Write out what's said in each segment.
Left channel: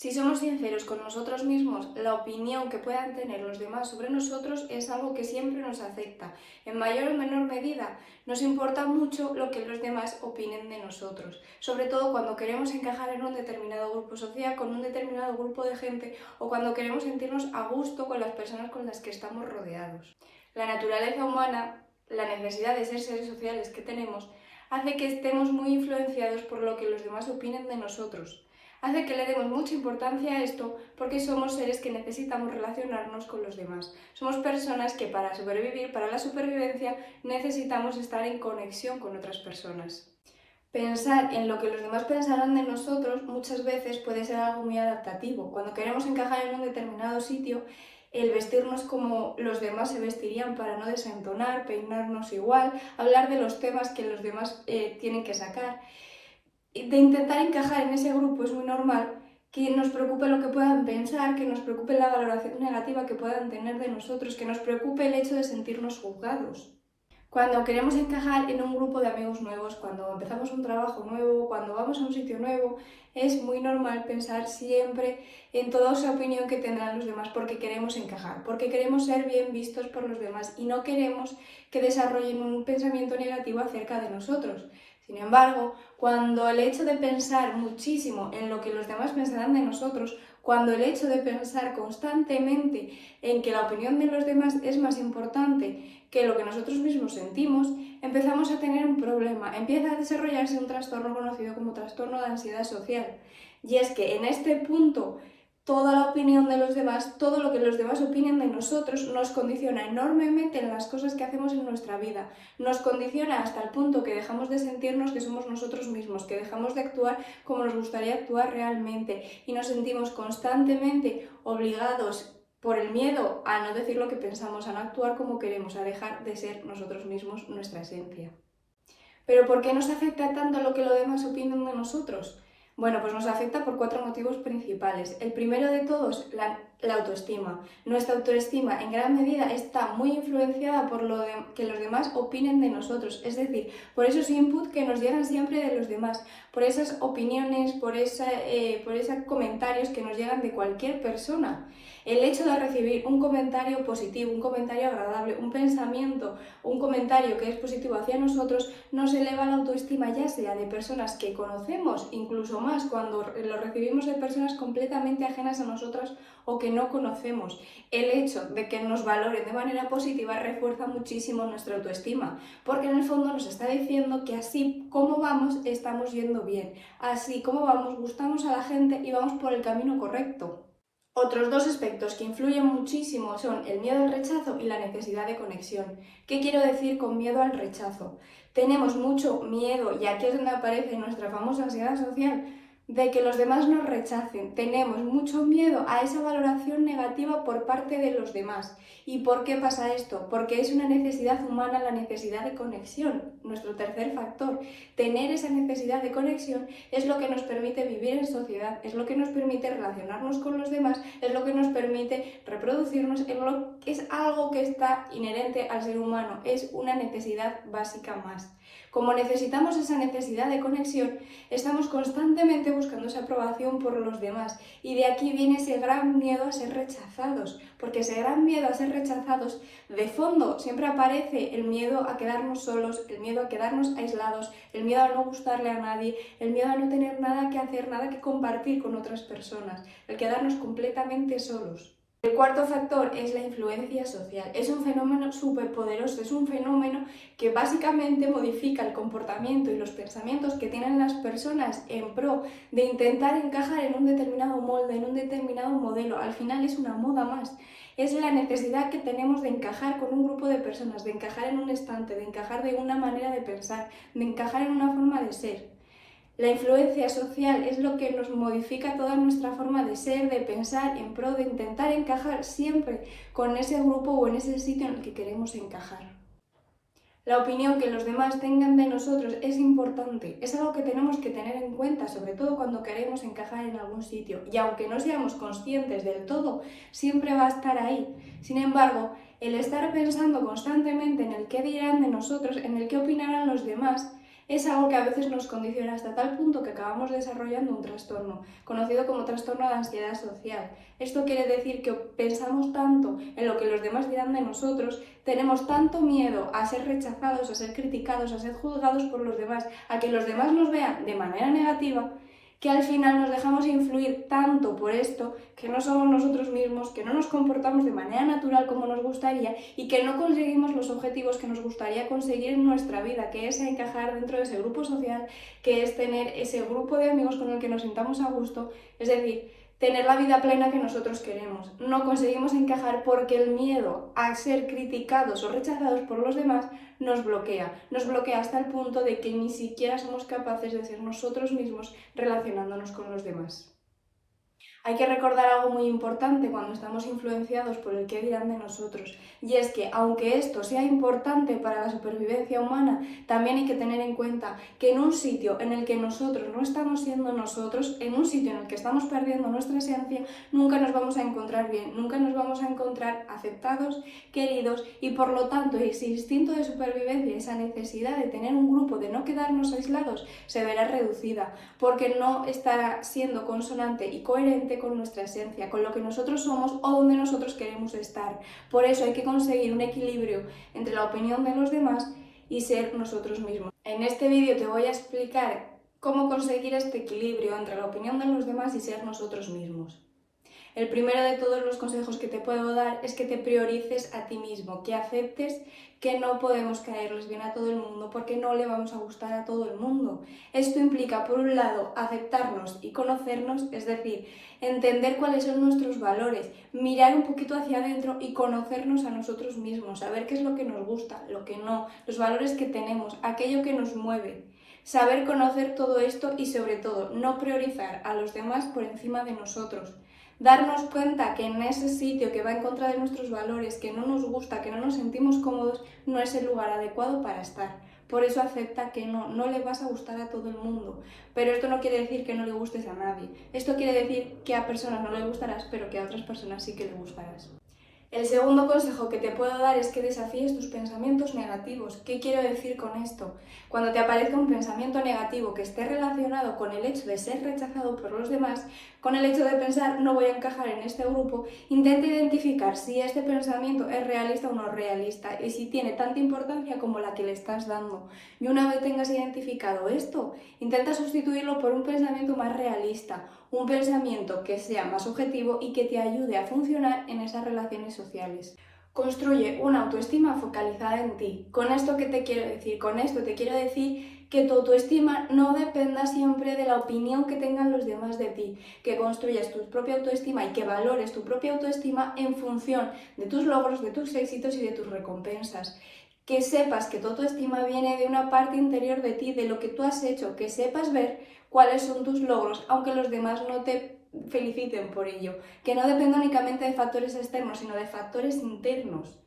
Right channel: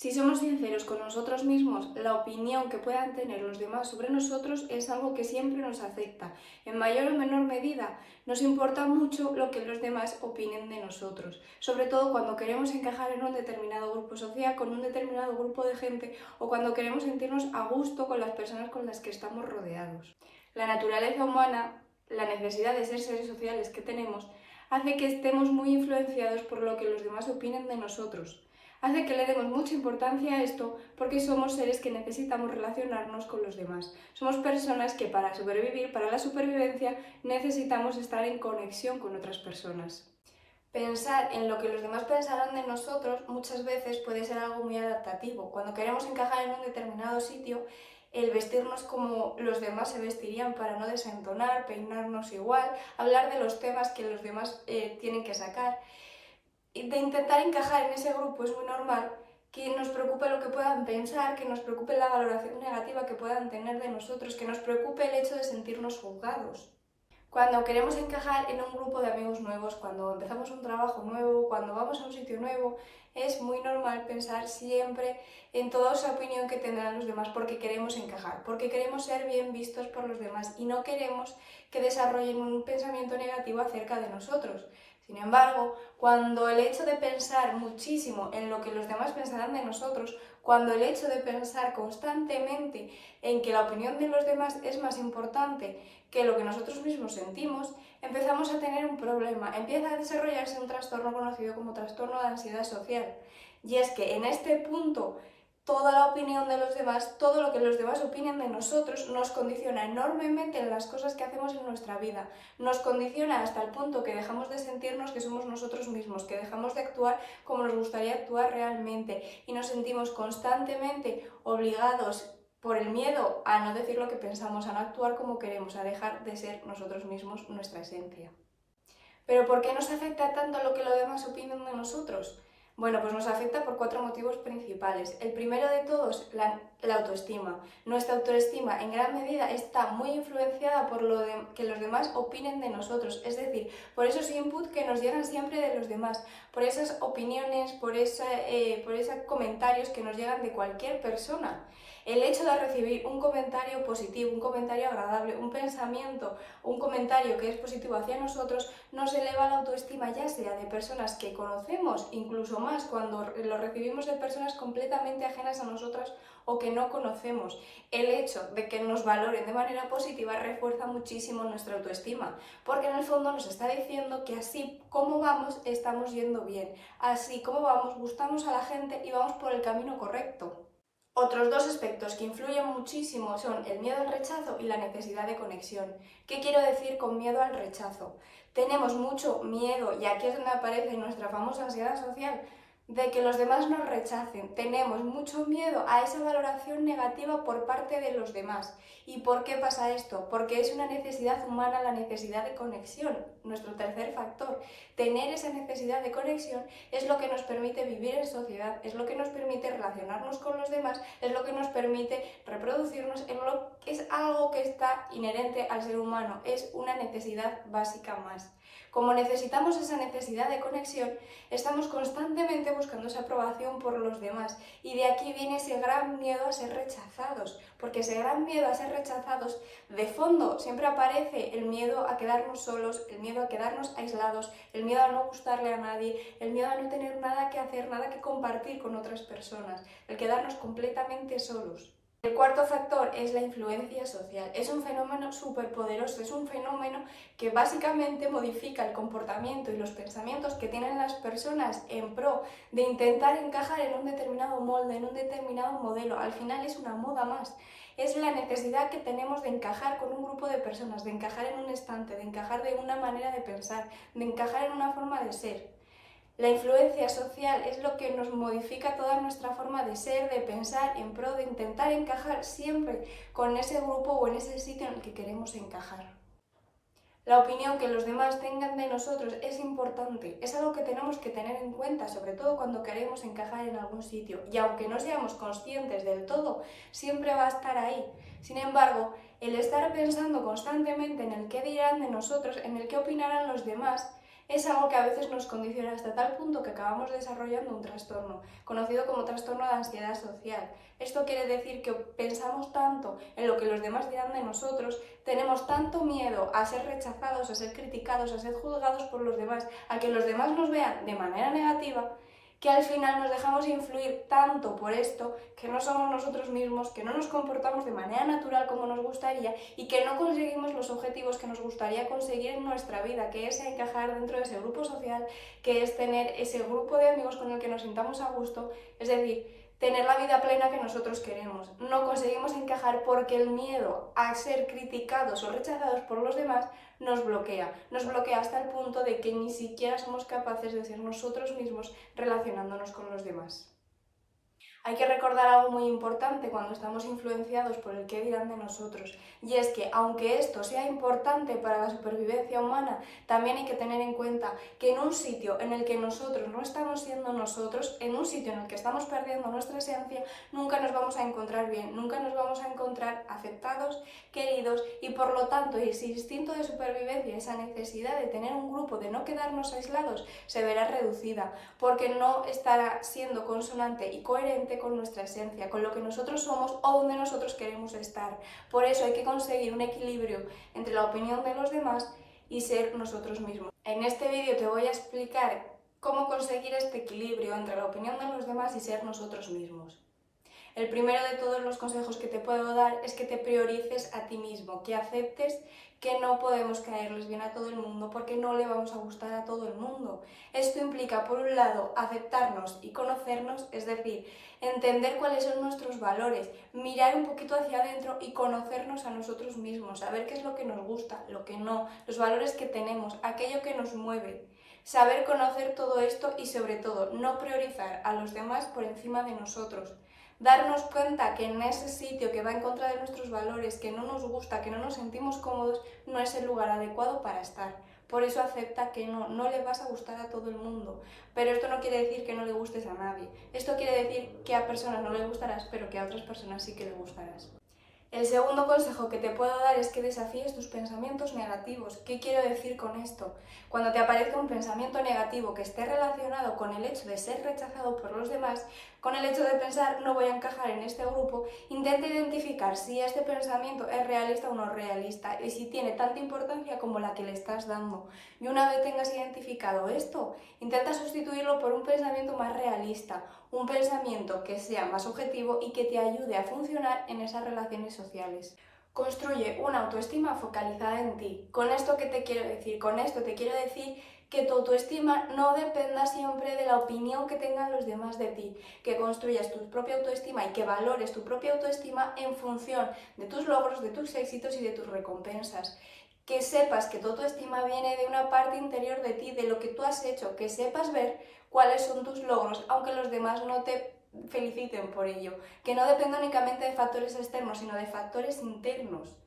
Si somos sinceros con nosotros mismos, la opinión que puedan tener los demás sobre nosotros es algo que siempre nos afecta. En mayor o menor medida, nos importa mucho lo que los demás opinen de nosotros, sobre todo cuando queremos encajar en un determinado grupo social, con un determinado grupo de gente o cuando queremos sentirnos a gusto con las personas con las que estamos rodeados. La naturaleza humana, la necesidad de ser seres sociales que tenemos, hace que estemos muy influenciados por lo que los demás opinen de nosotros. Hace que le demos mucha importancia a esto porque somos seres que necesitamos relacionarnos con los demás. Somos personas que para sobrevivir, para la supervivencia, necesitamos estar en conexión con otras personas. Pensar en lo que los demás pensarán de nosotros muchas veces puede ser algo muy adaptativo. Cuando queremos encajar en un determinado sitio, el vestirnos como los demás se vestirían para no desentonar, peinarnos igual, hablar de los temas que los demás tienen que sacar, de intentar encajar en ese grupo es muy normal que nos preocupe lo que puedan pensar, que nos preocupe la valoración negativa que puedan tener de nosotros, que nos preocupe el hecho de sentirnos juzgados. Cuando queremos encajar en un grupo de amigos nuevos, cuando empezamos un trabajo nuevo, cuando vamos a un sitio nuevo, es muy normal pensar siempre en toda esa opinión que tendrán los demás porque queremos encajar, porque queremos ser bien vistos por los demás y no queremos que desarrollen un pensamiento negativo acerca de nosotros. Sin embargo, cuando el hecho de pensar muchísimo en lo que los demás pensarán de nosotros, cuando el hecho de pensar constantemente en que la opinión de los demás es más importante que lo que nosotros mismos sentimos, empezamos a tener un problema, empieza a desarrollarse un trastorno conocido como trastorno de ansiedad social. Y es que en este punto toda la opinión de los demás, todo lo que los demás opinen de nosotros nos condiciona enormemente en las cosas que hacemos en nuestra vida. Nos condiciona hasta el punto que dejamos de sentirnos que somos nosotros mismos, que dejamos de actuar como nos gustaría actuar realmente y nos sentimos constantemente obligados por el miedo a no decir lo que pensamos, a no actuar como queremos, a dejar de ser nosotros mismos, nuestra esencia. Pero ¿por qué nos afecta tanto lo que los demás opinan de nosotros? Bueno, pues nos afecta por 4 motivos principales. El primero de todos, la autoestima. Nuestra autoestima en gran medida está muy influenciada por que los demás opinen de nosotros, es decir, por esos inputs que nos llegan siempre de los demás, por esas opiniones, por esos comentarios que nos llegan de cualquier persona. El hecho de recibir un comentario positivo, un comentario agradable, un pensamiento, un comentario que es positivo hacia nosotros, nos eleva la autoestima, ya sea de personas que conocemos, incluso más cuando lo recibimos de personas completamente ajenas a nosotras o que no conocemos. El hecho de que nos valoren de manera positiva refuerza muchísimo nuestra autoestima, porque en el fondo nos está diciendo que así como vamos, estamos yendo bien, así como vamos, gustamos a la gente y vamos por el camino correcto. Otros dos aspectos que influyen muchísimo son el miedo al rechazo y la necesidad de conexión. ¿Qué quiero decir con miedo al rechazo? Tenemos mucho miedo, y aquí es donde aparece nuestra famosa ansiedad social, de que los demás nos rechacen. Tenemos mucho miedo a esa valoración negativa por parte de los demás. ¿Y por qué pasa esto? Porque es una necesidad humana, la necesidad de conexión, nuestro tercer factor. Tener esa necesidad de conexión es lo que nos permite vivir en sociedad, es lo que nos permite relacionarnos con los demás, es lo que nos permite reproducirnos, es algo que está inherente al ser humano, es una necesidad básica más. Como necesitamos esa necesidad de conexión, estamos constantemente buscando esa aprobación por los demás y de aquí viene ese gran miedo a ser rechazados, porque ese gran miedo a ser rechazados, de fondo siempre aparece el miedo a quedarnos solos, el miedo a quedarnos aislados, el miedo a no gustarle a nadie, el miedo a no tener nada que hacer, nada que compartir con otras personas, el quedarnos completamente solos. El cuarto factor es la influencia social. Es un fenómeno súper poderoso, es un fenómeno que básicamente modifica el comportamiento y los pensamientos que tienen las personas en pro de intentar encajar en un determinado molde, en un determinado modelo. Al final es una moda más. Es la necesidad que tenemos de encajar con un grupo de personas, de encajar en un estante, de encajar de una manera de pensar, de encajar en una forma de ser. La influencia social es lo que nos modifica toda nuestra forma de ser, de pensar, en pro de intentar encajar siempre con ese grupo o en ese sitio en el que queremos encajar. La opinión que los demás tengan de nosotros es importante, es algo que tenemos que tener en cuenta, sobre todo cuando queremos encajar en algún sitio. Y aunque no seamos conscientes del todo, siempre va a estar ahí. Sin embargo, el estar pensando constantemente en el qué dirán de nosotros, en el qué opinarán los demás, es algo que a veces nos condiciona hasta tal punto que acabamos desarrollando un trastorno, conocido como trastorno de ansiedad social. Esto quiere decir que pensamos tanto en lo que los demás dirán de nosotros, tenemos tanto miedo a ser rechazados, a ser criticados, a ser juzgados por los demás, a que los demás nos vean de manera negativa, que al final nos dejamos influir tanto por esto que no somos nosotros mismos, que no nos comportamos de manera natural como nos gustaría y que no conseguimos los objetivos que nos gustaría conseguir en nuestra vida, que es encajar dentro de ese grupo social, que es tener ese grupo de amigos con el que nos sintamos a gusto, es decir, tener la vida plena que nosotros queremos. No conseguimos encajar porque el miedo a ser criticados o rechazados por los demás nos bloquea hasta el punto de que ni siquiera somos capaces de ser nosotros mismos relacionándonos con los demás. Hay que recordar algo muy importante cuando estamos influenciados por el qué dirán de nosotros, y es que aunque esto sea importante para la supervivencia humana, también hay que tener en cuenta que en un sitio en el que nosotros no estamos siendo nosotros, en un sitio en el que estamos perdiendo nuestra esencia, nunca nos vamos a encontrar bien, nunca nos vamos a encontrar aceptados, queridos, y por lo tanto ese instinto de supervivencia, esa necesidad de tener un grupo, de no quedarnos aislados, se verá reducida, porque no estará siendo consonante y coherente con nuestra esencia, con lo que nosotros somos o donde nosotros queremos estar. Por eso hay que conseguir un equilibrio entre la opinión de los demás y ser nosotros mismos. En este vídeo te voy a explicar cómo conseguir este equilibrio entre la opinión de los demás y ser nosotros mismos. El primero de todos los consejos que te puedo dar es que te priorices a ti mismo, que aceptes que no podemos caerles bien a todo el mundo porque no le vamos a gustar a todo el mundo. Esto implica, por un lado, aceptarnos y conocernos, es decir, entender cuáles son nuestros valores, mirar un poquito hacia adentro y conocernos a nosotros mismos, saber qué es lo que nos gusta, lo que no, los valores que tenemos, aquello que nos mueve. Saber conocer todo esto y, sobre todo, no priorizar a los demás por encima de nosotros. Darnos cuenta que en ese sitio que va en contra de nuestros valores, que no nos gusta, que no nos sentimos cómodos, no es el lugar adecuado para estar. Por eso acepta que no le vas a gustar a todo el mundo. Pero esto no quiere decir que no le gustes a nadie. Esto quiere decir que a personas no le gustarás, pero que a otras personas sí que le gustarás. El segundo consejo que te puedo dar es que desafíes tus pensamientos negativos. ¿Qué quiero decir con esto? Cuando te aparezca un pensamiento negativo que esté relacionado con el hecho de ser rechazado por los demás, con el hecho de pensar no voy a encajar en este grupo, intenta identificar si este pensamiento es realista o no realista y si tiene tanta importancia como la que le estás dando. Y una vez tengas identificado esto, intenta sustituirlo por un pensamiento más realista, un pensamiento que sea más objetivo y que te ayude a funcionar en esas relaciones sociales. Construye una autoestima focalizada en ti. ¿Con esto qué te quiero decir? Con esto te quiero decir que tu autoestima no dependa siempre de la opinión que tengan los demás de ti, que construyas tu propia autoestima y que valores tu propia autoestima en función de tus logros, de tus éxitos y de tus recompensas. Que sepas que tu autoestima viene de una parte interior de ti, de lo que tú has hecho, que sepas ver cuáles son tus logros, aunque los demás no te feliciten por ello, que no dependa únicamente de factores externos, sino de factores internos.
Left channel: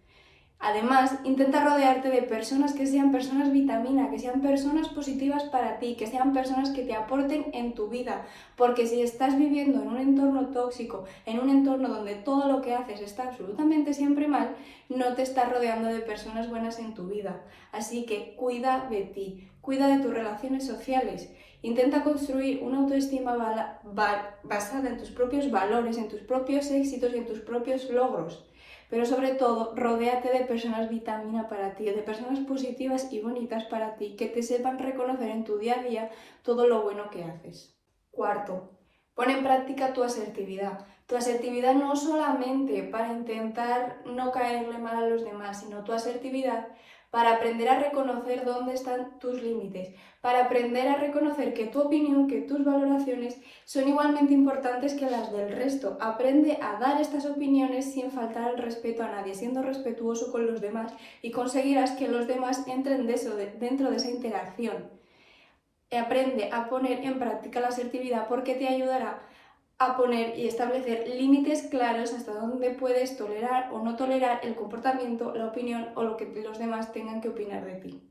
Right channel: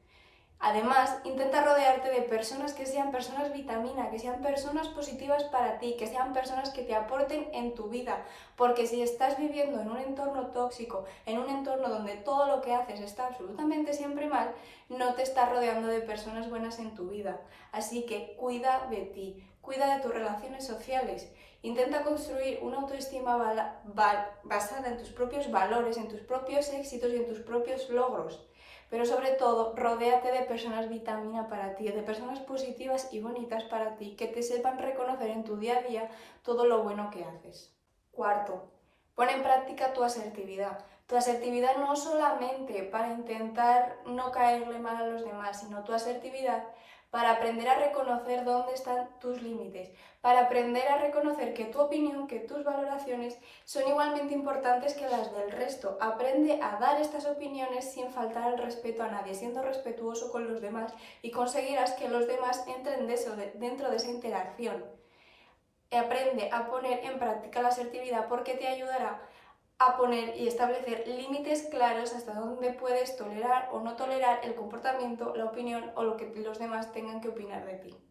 Además, intenta rodearte de personas que sean personas vitamina, que sean personas positivas para ti, que sean personas que te aporten en tu vida, porque si estás viviendo en un entorno tóxico, en un entorno donde todo lo que haces está absolutamente siempre mal, no te estás rodeando de personas buenas en tu vida. Así que cuida de ti, cuida de tus relaciones sociales. Intenta construir una autoestima basada en tus propios valores, en tus propios éxitos y en tus propios logros. Pero sobre todo, rodéate de personas vitamina para ti, de personas positivas y bonitas para ti, que te sepan reconocer en tu día a día todo lo bueno que haces. Cuarto, pon en práctica tu asertividad. Tu asertividad no solamente para intentar no caerle mal a los demás, sino tu asertividad para aprender a reconocer dónde están tus límites, para aprender a reconocer que tu opinión, que tus valoraciones son igualmente importantes que las del resto. Aprende a dar estas opiniones sin faltar al respeto a nadie, siendo respetuoso con los demás, y conseguirás que los demás entren dentro de esa interacción. Aprende a poner en práctica la asertividad porque te ayudará a poner y establecer límites claros hasta dónde puedes tolerar o no tolerar el comportamiento, la opinión o lo que los demás tengan que opinar de ti.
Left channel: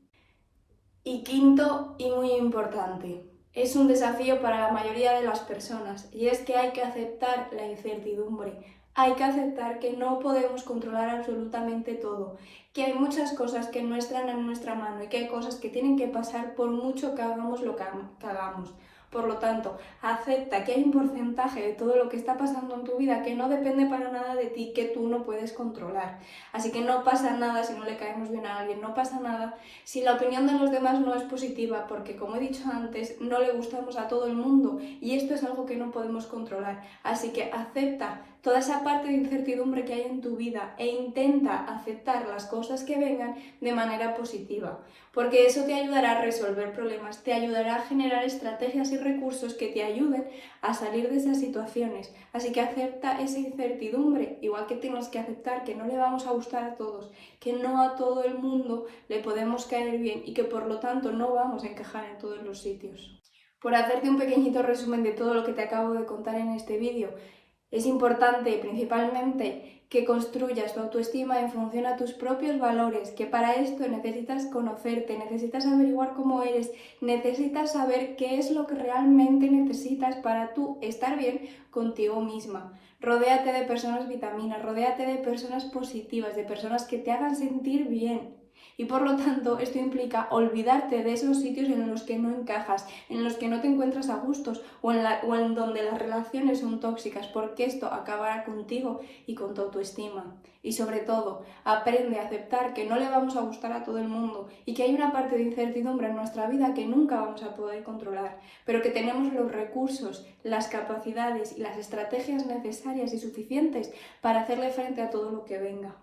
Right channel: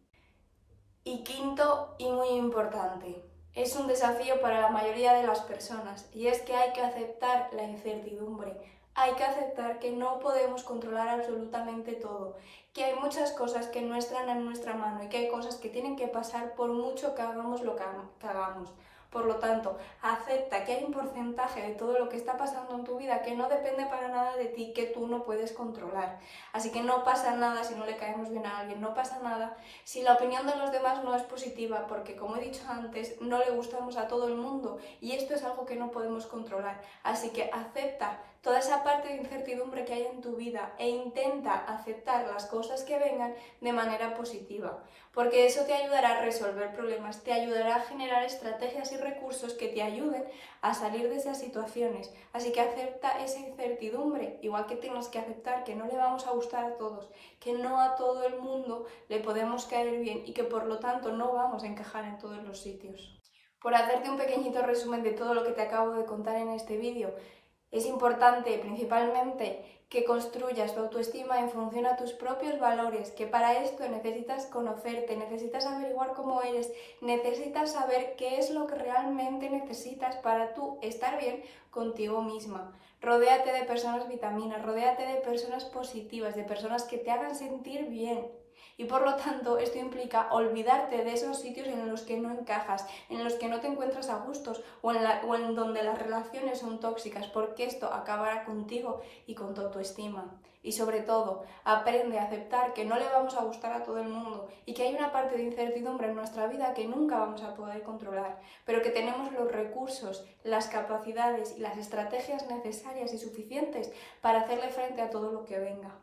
Y quinto, y muy importante, es un desafío para la mayoría de las personas, y es que hay que aceptar la incertidumbre. Hay que aceptar que no podemos controlar absolutamente todo, que hay muchas cosas que no están en nuestra mano y que hay cosas que tienen que pasar por mucho que hagamos lo que hagamos. Por lo tanto, acepta que hay un porcentaje de todo lo que está pasando en tu vida que no depende para nada de ti, que tú no puedes controlar. Así que no pasa nada si no le caemos bien a alguien, no pasa nada si la opinión de los demás no es positiva, porque como he dicho antes, no le gustamos a todo el mundo y esto es algo que no podemos controlar. Así que acepta toda esa parte de incertidumbre que hay en tu vida e intenta aceptar las cosas que vengan de manera positiva, porque eso te ayudará a resolver problemas, te ayudará a generar estrategias y recursos que te ayuden a salir de esas situaciones. Así que acepta esa incertidumbre, igual que tienes que aceptar que no le vamos a gustar a todos, que no a todo el mundo le podemos caer bien y que por lo tanto no vamos a encajar en todos los sitios. Por hacerte un pequeñito resumen de todo lo que te acabo de contar en este vídeo, es importante principalmente que construyas tu autoestima en función a tus propios valores, que para esto necesitas conocerte, necesitas averiguar cómo eres, necesitas saber qué es lo que realmente necesitas para tú estar bien contigo misma. Rodéate de personas vitaminas, rodéate de personas positivas, de personas que te hagan sentir bien. Y por lo tanto, esto implica olvidarte de esos sitios en los que no encajas, en los que no te encuentras a gustos o en donde las relaciones son tóxicas, porque esto acabará contigo y con tu autoestima. Y sobre todo, aprende a aceptar que no le vamos a gustar a todo el mundo y que hay una parte de incertidumbre en nuestra vida que nunca vamos a poder controlar, pero que tenemos los recursos, las capacidades y las estrategias necesarias y suficientes para hacerle frente a todo lo que venga.